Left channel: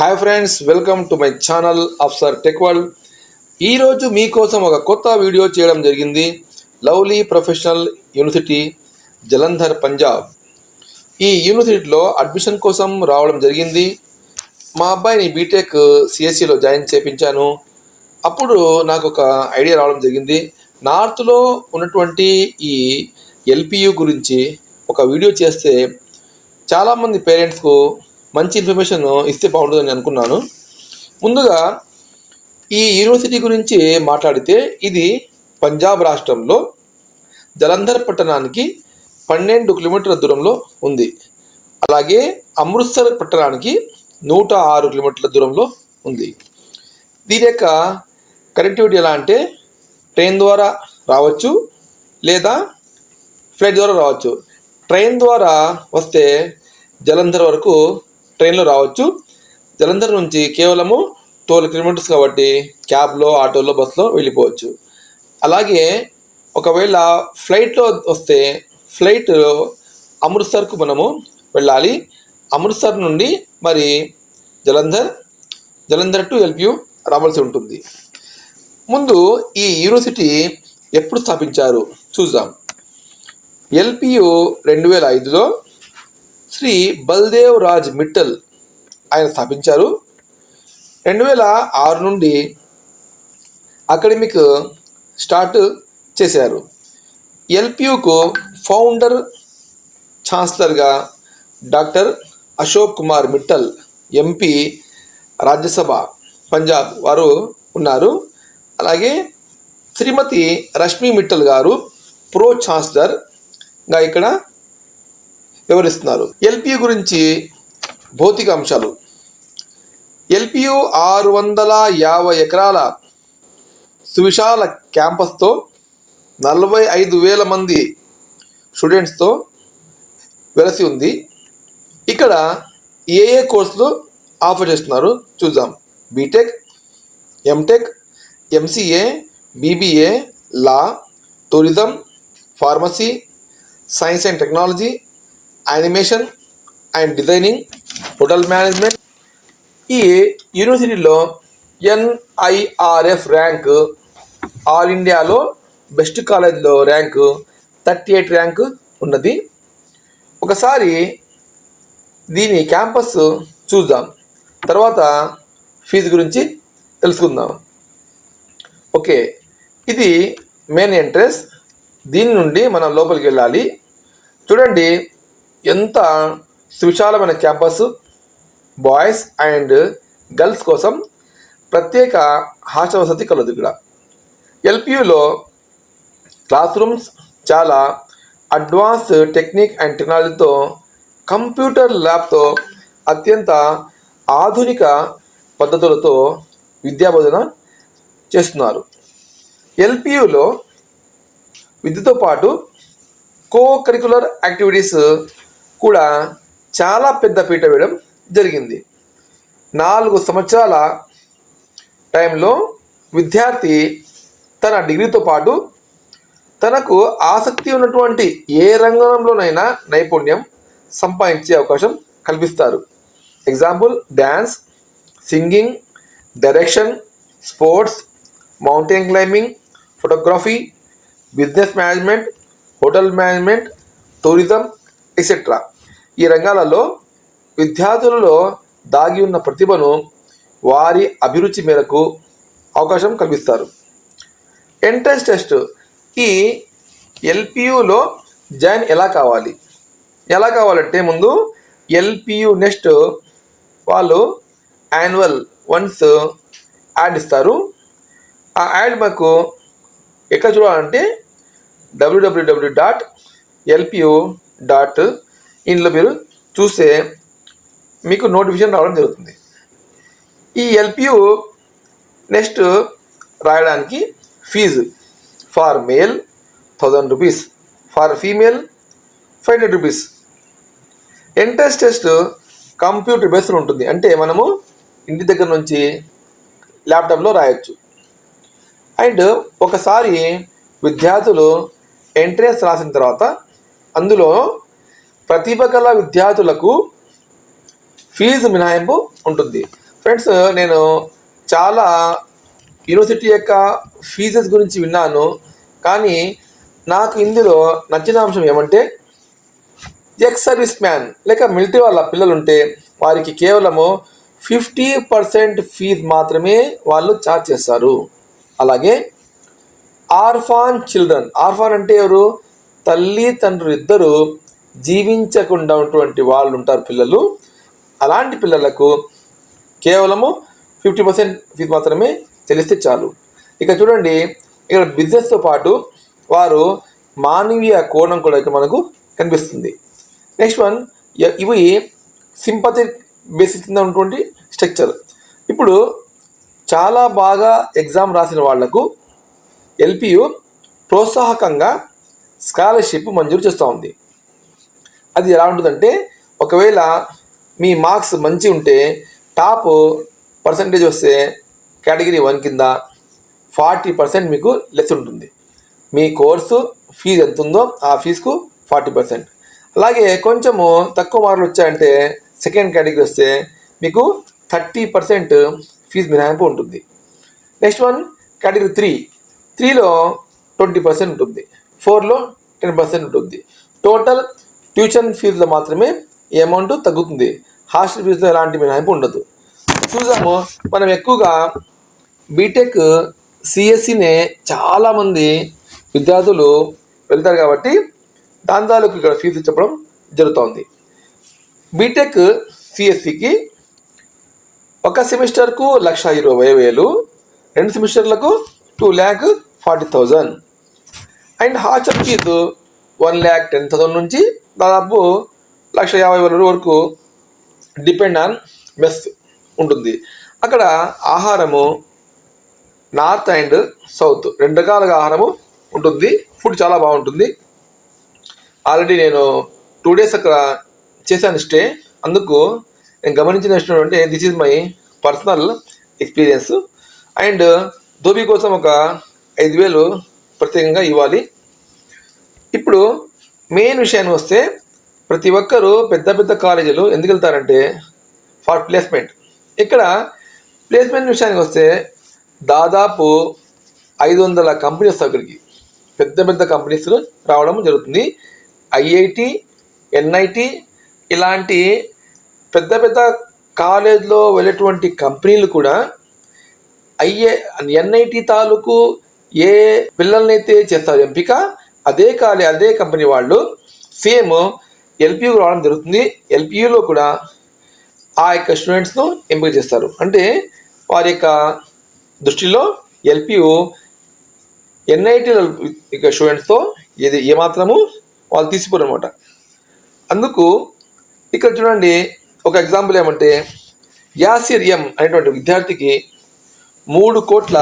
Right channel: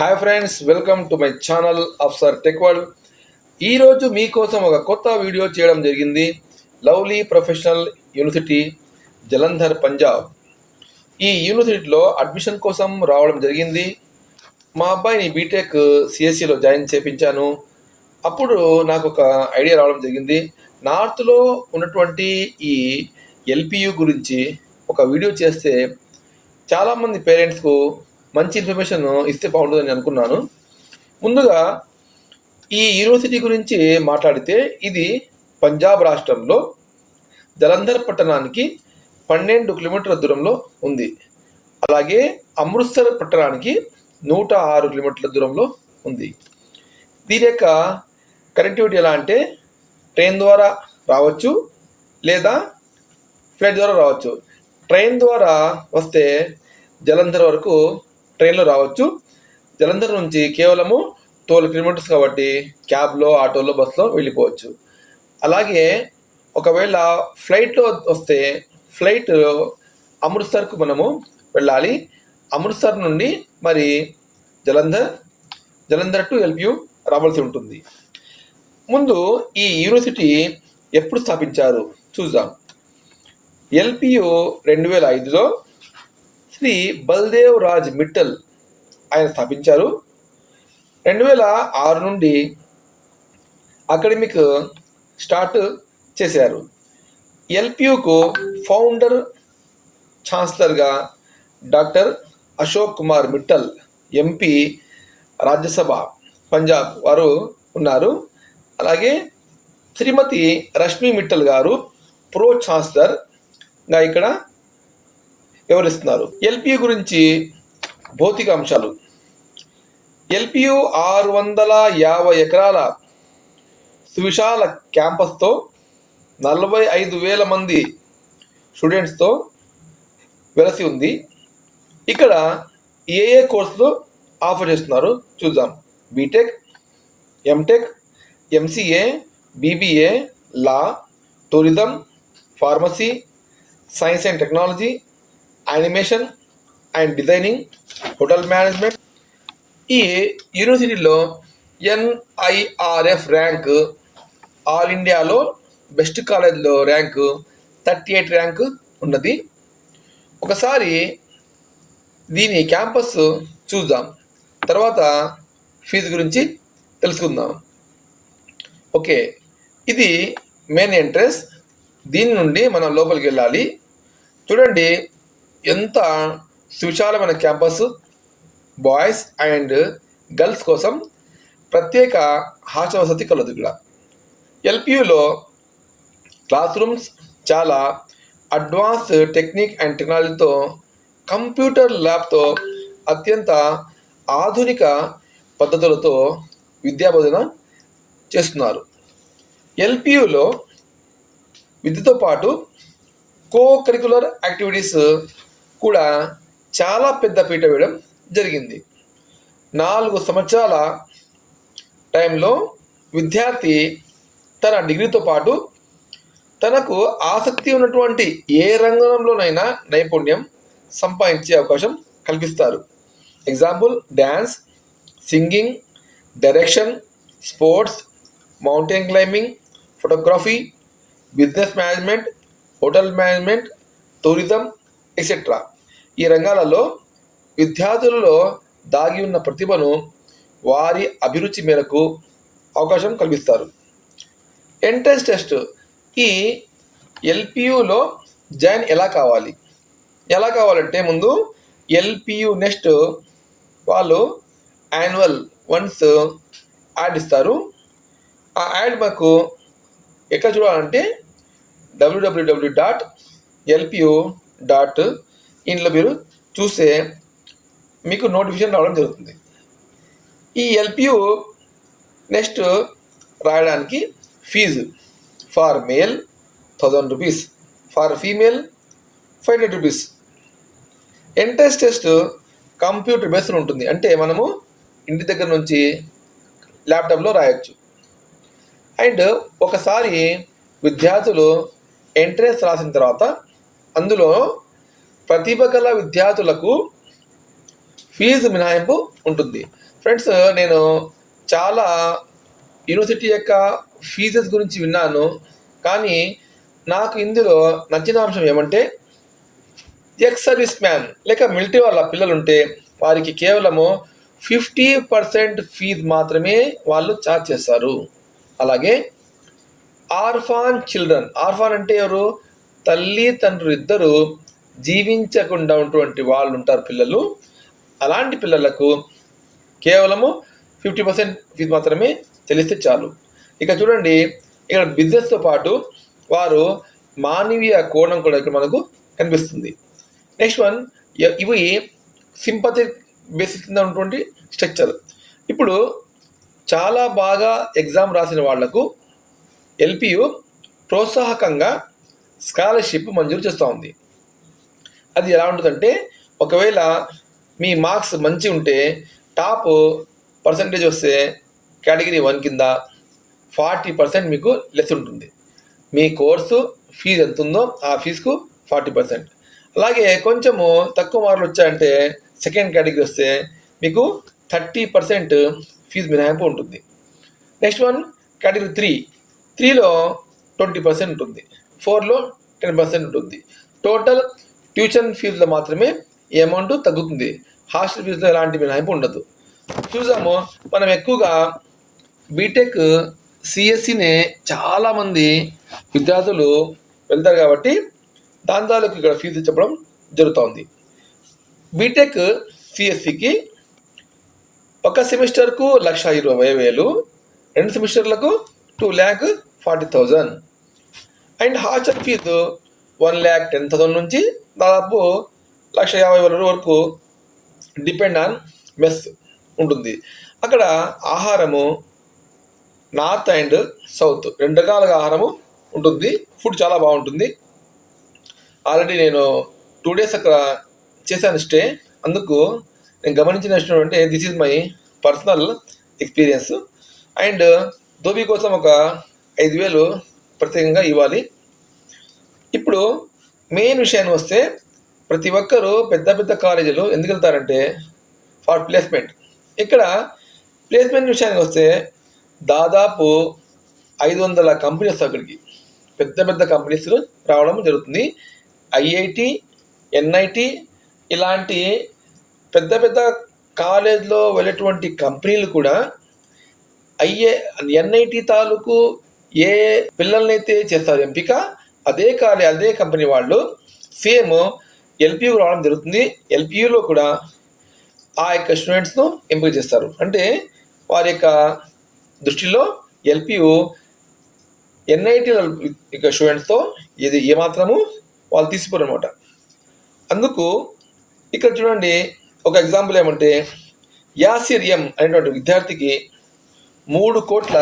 Hi friends, welcome to my channel Afsar tech world. ఈరోజు మీకోసం ఒక కొత్త వీడియో చేయడం జరిగింది. Lovely professional university Jalandhar Punjab. ఈ యూనివర్సిటీలో అడ్మిషన్ కోసం రావడం జరిగింది. మా అబ్బాయిని బీటెక్ సిఎస్సిలో జాయిన్ చేయించాను. అప్పుడు నాకు ఒక ఐడియా రావడం జరిగింది. నార్త్లో ఉన్నటువంటి ఈ ఎల్పియు గురించి ఒక వీడియో చేస్తే చాలామంది పేరెంట్స్కు మంచి ఇన్ఫర్మేషన్ ఇస్తే బాగుంటుందని అనుకున్నాను. ముందుగా ఈ యూనివర్సిటీ గురించి మాట్లాడితే ఇది పంజాబ్ రాష్ట్రంలో జలంధర్ పట్టణానికి 12 కిలోమీటర్ల దూరంలో ఉంది. అలాగే అమృత్సర్ పట్టణానికి 106 కిలోమీటర్ల దూరంలో ఉంది. దీని యొక్క కనెక్టివిటీ ఎలా అంటే ట్రైన్ ద్వారా రావచ్చు లేదా ఫ్లైట్ ద్వారా రావచ్చు. ట్రైన్ ద్వారా వస్తే జలంధర్ వరకు ట్రైన్లో రావచ్చు. జలంధర్ నుంచి కేవలము 12 కిలోమీటర్స్ కాబట్టి క్యాబ్లో, ఆటోలో, బస్సులో వెళ్ళిపోవచ్చు. అలాగే ఒకవేళ ఫ్లైట్లో వస్తే ఫ్లైట్ అమృత్సర్కు మనము వెళ్ళాలి. అమృత్సర్ నుండి మరి జలంధర్ టు ఎల్పియు రావాల్సి ఉంటుంది. ముందు ఈ యూనివర్సిటీ ఎప్పుడు స్థాపించారు చూద్దాం. ఎల్పియు 2005లో శ్రీ బల్దేవ్ రాజ్ మిట్టల్ ఆయన స్థాపించారు. 2006 నుండి అకాడమిక్ స్టార్ట్ చేశారు. ఎల్పియుకు founder ఛాన్సలర్గా doctor Ashok Kumar Mittal MP, Rajya Sabha Punjab వారు ఉన్నారు. అలాగే శ్రీమతి రష్మి మిట్టల్ గారు ప్రో ఛాన్సలర్గా ఇక్కడ వివరిస్తున్నారు. ఎల్పియు గురించి భౌతిక అంశాలు. ఎల్పియు 650 ఎకరాల సువిశాల క్యాంపస్తో 45,000 మంది స్టూడెంట్స్తో వెలసి ఉంది. ఇక్కడ ఏ కోర్సులు ఆఫర్ చేస్తున్నారు చూద్దాం. BTech, MTech, MCA, BBA, law, tourism, pharmacy, science and technology, animation and designing, hotel management. ఈ యూనివర్సిటీలో NIRF ర్యాంక్ ఆల్ ఇండియాలో బెస్ట్ కాలేజ్లో ర్యాంకు 38 ర్యాంకు ఉన్నది. ఒకసారి దీని క్యాంపస్ చూద్దాం, తర్వాత ఫీజు గురించి తెలుసుకుందాం. ఓకే, ఇది మెయిన్ ఎంట్రన్స్. దీని నుండి మనం లోపలికి వెళ్ళాలి. చూడండి ఎంత సువిశాలమైన క్యాంపస్. బాయ్స్ అండ్ గర్ల్స్ కోసం ప్రత్యేక హాస్టల్ వసతి కలదు. ఇక్కడ ఎల్పియులో క్లాస్ రూమ్స్ చాలా అడ్వాన్స్ టెక్నిక్ అండ్ టెక్నాలజీతో, కంప్యూటర్ ల్యాబ్తో, అత్యంత ఆధునిక పద్ధతులతో విద్యాబోధన చేస్తున్నారు. ఎల్పియులో విద్యతో పాటు కో కరికులర్ యాక్టివిటీస్ కూడా చాలా పెద్ద పీట వేయడం జరిగింది. 4 సంవత్సరాల టైంలో విద్యార్థి తన డిగ్రీతో పాటు తనకు ఆసక్తి ఉన్నటువంటి ఏ రంగంలోనైనా నైపుణ్యం సంపాదించే అవకాశం కల్పిస్తారు. Example dance, singing, direction, sports, mountain climbing, photography, business management, hotel management, tourism etcetera. ఈ రంగాలలో విద్యార్థులలో దాగి ఉన్న ప్రతిభను వారి అభిరుచి మేరకు అవకాశం కల్పిస్తారు. Entrance test. ఈ ఎల్పియులో జాయిన్ ఎలా కావాలంటే ముందు ఎల్పియు నెక్స్ట్ వాళ్ళు యాన్యువల్ వన్స్ యాడ్ ఇస్తారు. ఆ యాడ్ మాకు ఎక్కడ చూడాలంటే www.lpu.inలో మీరు చూస్తే మీకు నోటిఫికేషన్ రావడం జరుగుతుంది. ఈ ఎల్పియు నెక్స్ట్ రాయడానికి fee for male 1000 rupees, for female 500 rupees. Entrance test computer based ఉంటుంది. అంటే మనము ఇంటి దగ్గర నుంచి ల్యాప్టాప్లో రాయొచ్చు. అండ్ ఒకసారి విద్యార్థులు ఎంట్రన్స్ రాసిన తర్వాత అందులో ప్రతిభ గల విద్యార్థులకు ఫీజు మినహాయింపు ఉంటుంది. ఫ్రెండ్స్, నేను చాలా యూనివర్సిటీ యొక్క ఫీజెస్ గురించి విన్నాను, కానీ నాకు ఇందులో నచ్చిన అంశం ఏమంటే ఎక్స్ సర్వీస్ మ్యాన్ లేక మిలిటరీ వాళ్ళ పిల్లలు ఉంటే వారికి కేవలము 50% ఫీజు మాత్రమే వాళ్ళు ఛార్జ్ చేస్తారు. అలాగే ఆర్ఫాన్ చిల్డ్రన్, ఆర్ఫాన్ అంటే ఎవరు? తల్లి తండ్రులు ఇద్దరు జీవించకుండా ఉన్నటువంటి వాళ్ళు ఉంటారు పిల్లలు. అలాంటి పిల్లలకు కేవలము 50% ఫీజు మాత్రమే చెల్లిస్తే చాలు. ఇక చూడండి, ఇక్కడ బిజినెస్తో పాటు వారు మానవీయ కోణం కూడా ఇక్కడ మనకు కనిపిస్తుంది. నెక్స్ట్ వన్, ఇవి సింపథిక్ బేసిస్ కింద ఉన్నటువంటి స్ట్రక్చర్. ఇప్పుడు చాలా బాగా ఎగ్జామ్ రాసిన వాళ్లకు ఎల్పియు ప్రోత్సాహకంగా స్కాలర్షిప్ మంజూరు చేస్తూ ఉంది. అది ఎలా ఉంటుందంటే, ఒకవేళ మీ మార్క్స్ మంచి ఉంటే టాప్ పర్సంటేజ్ వస్తే కేటగిరీ 1 కింద 40% మీకు లెస్ ఉంటుంది. మీ కోర్సు ఫీజు ఎంత ఉందో ఆ ఫీజుకు 40%. అలాగే కొంచెము తక్కువ మార్కులు వచ్చాయంటే సెకండ్ కేటగిరీ వస్తే మీకు 30% ఫీజు మినహాయింపు ఉంటుంది. నెక్స్ట్ వన్, కేటగిరీ 3లో 20% ఉంటుంది, 4లో 10% ఉంటుంది. టోటల్ ట్యూషన్ ఫీజులో మాత్రమే ఈ అమౌంట్ తగ్గుతుంది. హాస్టల్ ఫీజులో ఎలాంటి మినహాయింపు ఉండదు. చూసాము, మనం ఎక్కువగా బీటెక్ సిఎస్సినే చాలామంది విద్యార్థులు వెళ్తారు కాబట్టి దాని తాలూకు ఇక్కడ ఫీజు చెప్పడం జరుగుతుంది. బీటెక్ సిఎస్సికి ఒక సెమిస్టర్కు 1,20,000, 2 సెమిస్టర్లకు 2,40,000 అండ్ హాస్టల్ ఫీజు 1,10,000 నుంచి దాదాపు 1,50,000 వరకు డిపెండ్ ఆన్ మెస్ ఉంటుంది. అక్కడ ఆహారము నార్త్ అండ్ సౌత్ 2 రకాలుగా ఆహారము ఉంటుంది. ఫుడ్ చాలా బాగుంటుంది. ఆల్రెడీ నేను 2 days అక్కడ చేశాను స్టే. అందుకు నేను గమనించిన విషయం అంటే this is my personal experience. And dhobi కోసం ఒక 5,000 ప్రత్యేకంగా ఇవ్వాలి. ఇప్పుడు మెయిన్ విషయానికి వస్తే ప్రతి ఒక్కరూ పెద్ద పెద్ద కాలేజీలు ఎందుకు వెళ్తారంటే ఫర్ ప్లేస్మెంట్. ఇక్కడ ప్లేస్మెంట్ విషయానికి వస్తే దాదాపు 500 కంపెనీస్ అక్కడికి పెద్ద పెద్ద కంపెనీస్ రావడం జరుగుతుంది. ఐఐటి, ఎన్ఐటి ఇలాంటి పెద్ద పెద్ద కాలేజ్లో వెళ్ళేటువంటి కంపెనీలు కూడా ఎన్ఐటి తాలూకు ఏ పిల్లల్నైతే చేస్తారు ఎంపిక, అదే కంపెనీ వాళ్ళు సేమ్ ఎల్పియూకి రావడం జరుగుతుంది. ఎల్పియూలో కూడా ఆ యొక్క స్టూడెంట్స్ను ఎంపిక చేస్తారు. అంటే వారి యొక్క దృష్టిలో ఎల్పియు ఎన్ఐటి ఇక స్టూడెంట్స్తో ఏమాత్రము వాళ్ళు తీసిపోరు అనమాట. అందుకు ఇక్కడ చూడండి, ఒక ఎగ్జాంపుల్ ఏమంటే యాసిర్ ఎం అనేటువంటి విద్యార్థికి 3 కోట్ల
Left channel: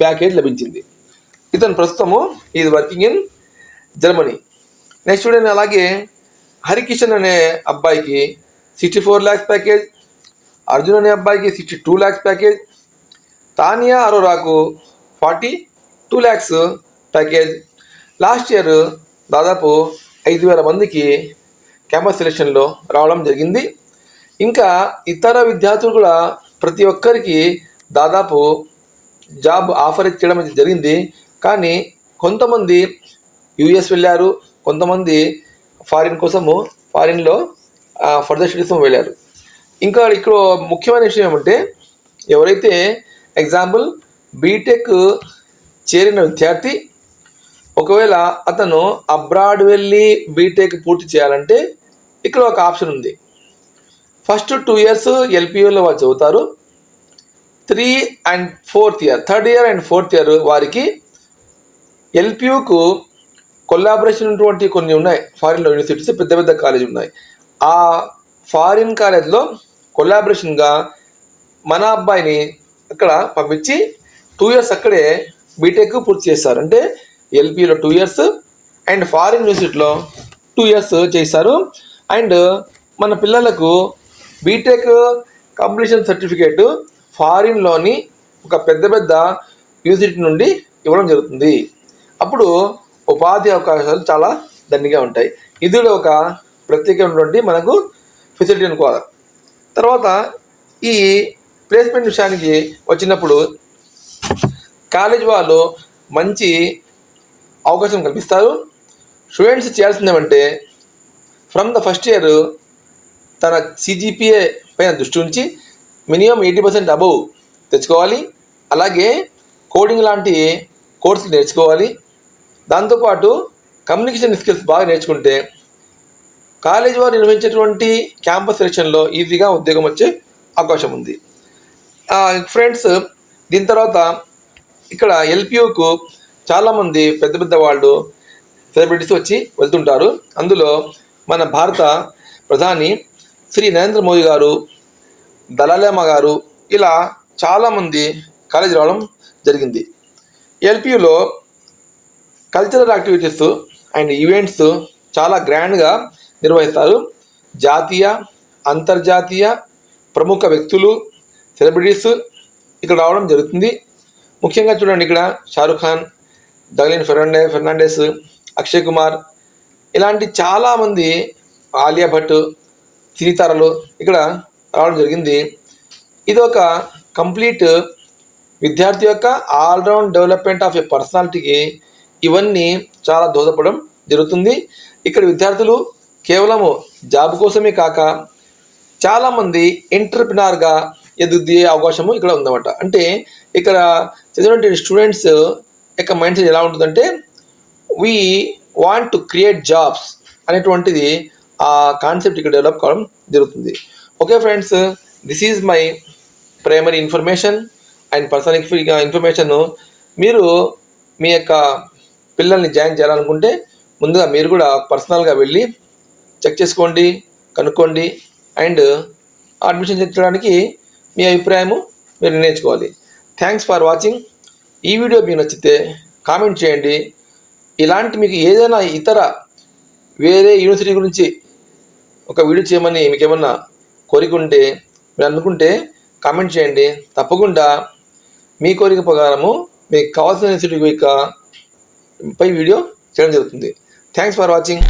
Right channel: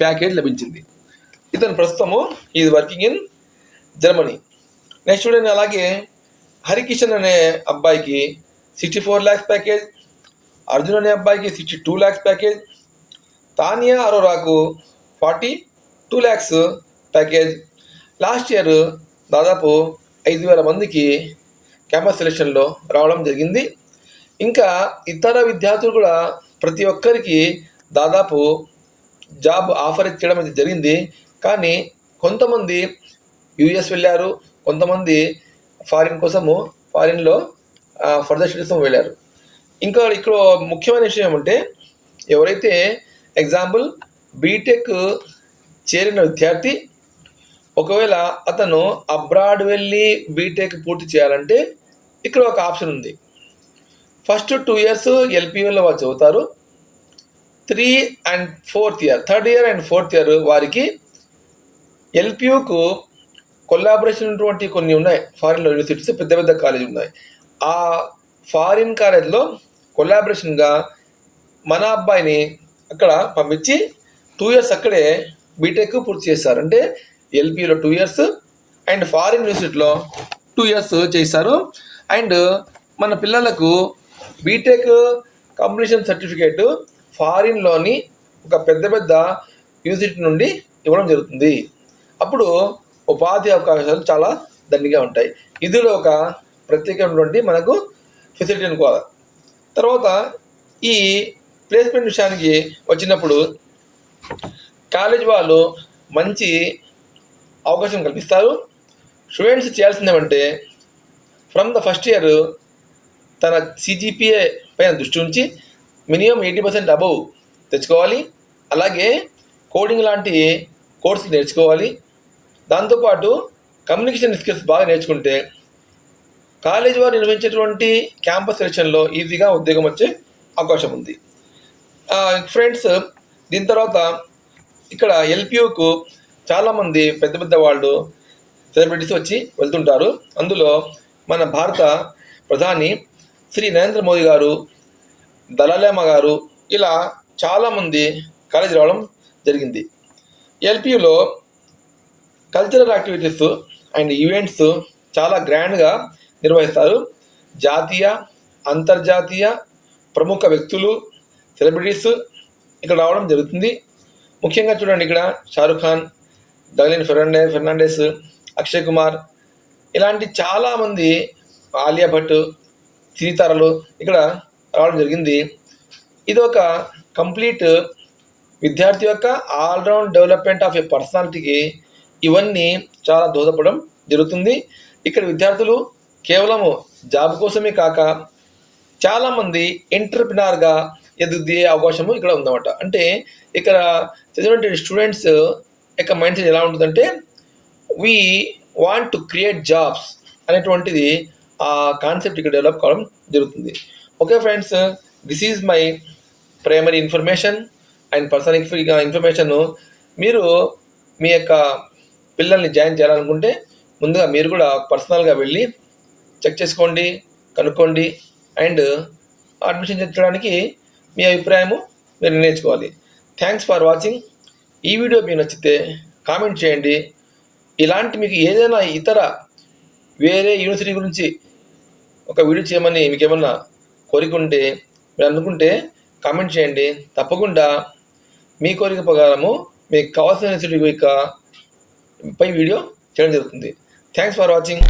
ప్యాకేజ్ లభించింది. ఇతను ప్రస్తుతము is working in Germany. Next చూడండి, అలాగే హరికిషన్ అనే అబ్బాయికి 64 lakhs ప్యాకేజ్, అర్జున్ అనే అబ్బాయికి 62 lakhs ప్యాకేజ్, తానియా అరోరాకు 42 lakhs ప్యాకేజ్. లాస్ట్ ఇయర్ దాదాపు 5,000 మందికి క్యాంపస్ సెలెక్షన్లో రావడం జరిగింది. ఇంకా ఇతర విద్యార్థులు కూడా ప్రతి ఒక్కరికి దాదాపు జాబ్ ఆఫర్ చేయడం జరిగింది. కానీ కొంతమంది యూఎస్ వెళ్ళారు, కొంతమంది ఫారిన్లో ఫర్దర్ స్టడీస్ వెళ్ళారు. ఇంకా ఇక్కడ ముఖ్యమైన విషయం ఏమంటే, ఎవరైతే ఎగ్జాంపుల్ బీటెక్ చేరిన విద్యార్థి ఒకవేళ అతను అబ్రాడ్ వెళ్ళి బీటెక్ పూర్తి చేయాలంటే ఇక్కడ ఒక ఆప్షన్ ఉంది. ఫస్ట్ 2 years ఎల్పియూలో వాళ్ళు చదువుతారు. 3 and 4th year, 3rd year and 4th year వారికి ఎల్పియూకు కొలాబరేషన్ ఉన్నటువంటి కొన్ని ఉన్నాయి. ఫారిన్లో యూనివర్సిటీస్ పెద్ద పెద్ద కాలేజీ ఉన్నాయి. ఆ ఫారిన్ కాలేజ్లో కొలాబరేషన్గా మన అబ్బాయిని అక్కడ పంపించి 2 years అక్కడే బీటెక్ పూర్తి చేస్తారు. అంటే ఎల్పియూలో 2 years అండ్ ఫారిన్ యూనివర్సిటీలో 2 years చేస్తారు. అండ్ మన పిల్లలకు బీటెక్ కంప్లీషన్ సర్టిఫికేట్ ఫారిన్లోని ఒక పెద్ద పెద్ద యూనివర్సిటీ నుండి ఇవ్వడం జరుగుతుంది. అప్పుడు ఉపాధి అవకాశాలు చాలా దండిగా ఉంటాయి. ఇది ఒక ప్రత్యేకమైనటువంటి మనకు ఫెసిలిటీ అనుకోవాలి. తర్వాత ఈ ప్లేస్మెంట్ విషయానికి వచ్చినప్పుడు కాలేజ్ వాళ్ళు మంచి అవకాశం కల్పిస్తారు. స్టూడెంట్స్ చేయాల్సింది ఏమంటే ఫ్రమ్ ద ఫస్ట్ ఇయర్ తన CGPA పైన దృష్టి ఉంచి మినిమం 80% అబవ్ తెచ్చుకోవాలి. అలాగే కోడింగ్ లాంటి కోర్సులు నేర్చుకోవాలి. దాంతోపాటు కమ్యూనికేషన్ స్కిల్స్ బాగా నేర్చుకుంటే కాలేజ్ వారు నిర్వహించేటువంటి క్యాంపస్ సెలక్షన్లో ఈజీగా ఉద్యోగం వచ్చే అవకాశం ఉంది. ఫ్రెండ్స్, దీని తర్వాత ఇక్కడ LPUకు చాలామంది పెద్ద పెద్ద వాళ్ళు సెలబ్రిటీస్ వచ్చి వెళ్తుంటారు. అందులో మన భారత ప్రధాని శ్రీ నరేంద్ర మోదీ గారు, దళాలేమ గారు, ఇలా చాలామంది కాలేజీ రావడం జరిగింది. LPUలో కల్చరల్ యాక్టివిటీస్ అండ్ ఈవెంట్స్ చాలా గ్రాండ్గా నిర్వహిస్తారు. జాతీయ, అంతర్జాతీయ ప్రముఖ వ్యక్తులు, సెలబ్రిటీస్ ఇక్కడ రావడం జరుగుతుంది. ముఖ్యంగా చూడండి, ఇక్కడ షారుఖ్ ఖాన్, డగ్లిన్ ఫెర్నాండెస్, అక్షయ్ కుమార్, ఇలాంటి చాలామంది, ఆలియా భట్, సినీతారలు ఇక్కడ రావడం జరిగింది. ఇది ఒక కంప్లీట్ విద్యార్థి యొక్క ఆల్రౌండ్ డెవలప్మెంట్ ఆఫ్ ఏ పర్సనాలిటీకి ఇవన్నీ చాలా దోహదపడడం జరుగుతుంది. ఇక్కడ విద్యార్థులు కేవలము జాబ్ కోసమే కాక చాలామంది ఎంటర్ప్రినర్గా ఎదిగే అవకాశము ఇక్కడ ఉందన్నమాట. అంటే ఇక్కడ చదివినటువంటి స్టూడెంట్స్ యొక్క మైండ్ సెట్ ఎలా ఉంటుందంటే we want to create jobs అనేటువంటిది ఆ కాన్సెప్ట్ ఇక్కడ డెవలప్ కావడం జరుగుతుంది. Okay friends, this is my primary information and personal information. మీరు మీ యొక్క పిల్లల్ని జాయిన్ చేయాలనుకుంటే ముందుగా మీరు కూడా పర్సనల్గా వెళ్ళి చెక్ చేసుకోండి, కనుక్కోండి అండ్ అడ్మిషన్ చేయించడానికి మీ అభిప్రాయము మీరు నిర్ణయించుకోవాలి. Thanks for watching. ఈ వీడియో మీకు నచ్చితే కామెంట్ చేయండి. ఇలాంటి మీకు ఏదైనా ఇతర వేరే యూనివర్సిటీ గురించి ఒక వీడియో చేయమని మీకు ఏమన్నా కోరిక ఉంటే మీరు అనుకుంటే కామెంట్ చేయండి. తప్పకుండా మీ కోరిక ప్రకారము మీకు కావాల్సిన యూనివర్సిటీ పై వీడియో చేయడం జరుగుతుంది. Thanks for watching.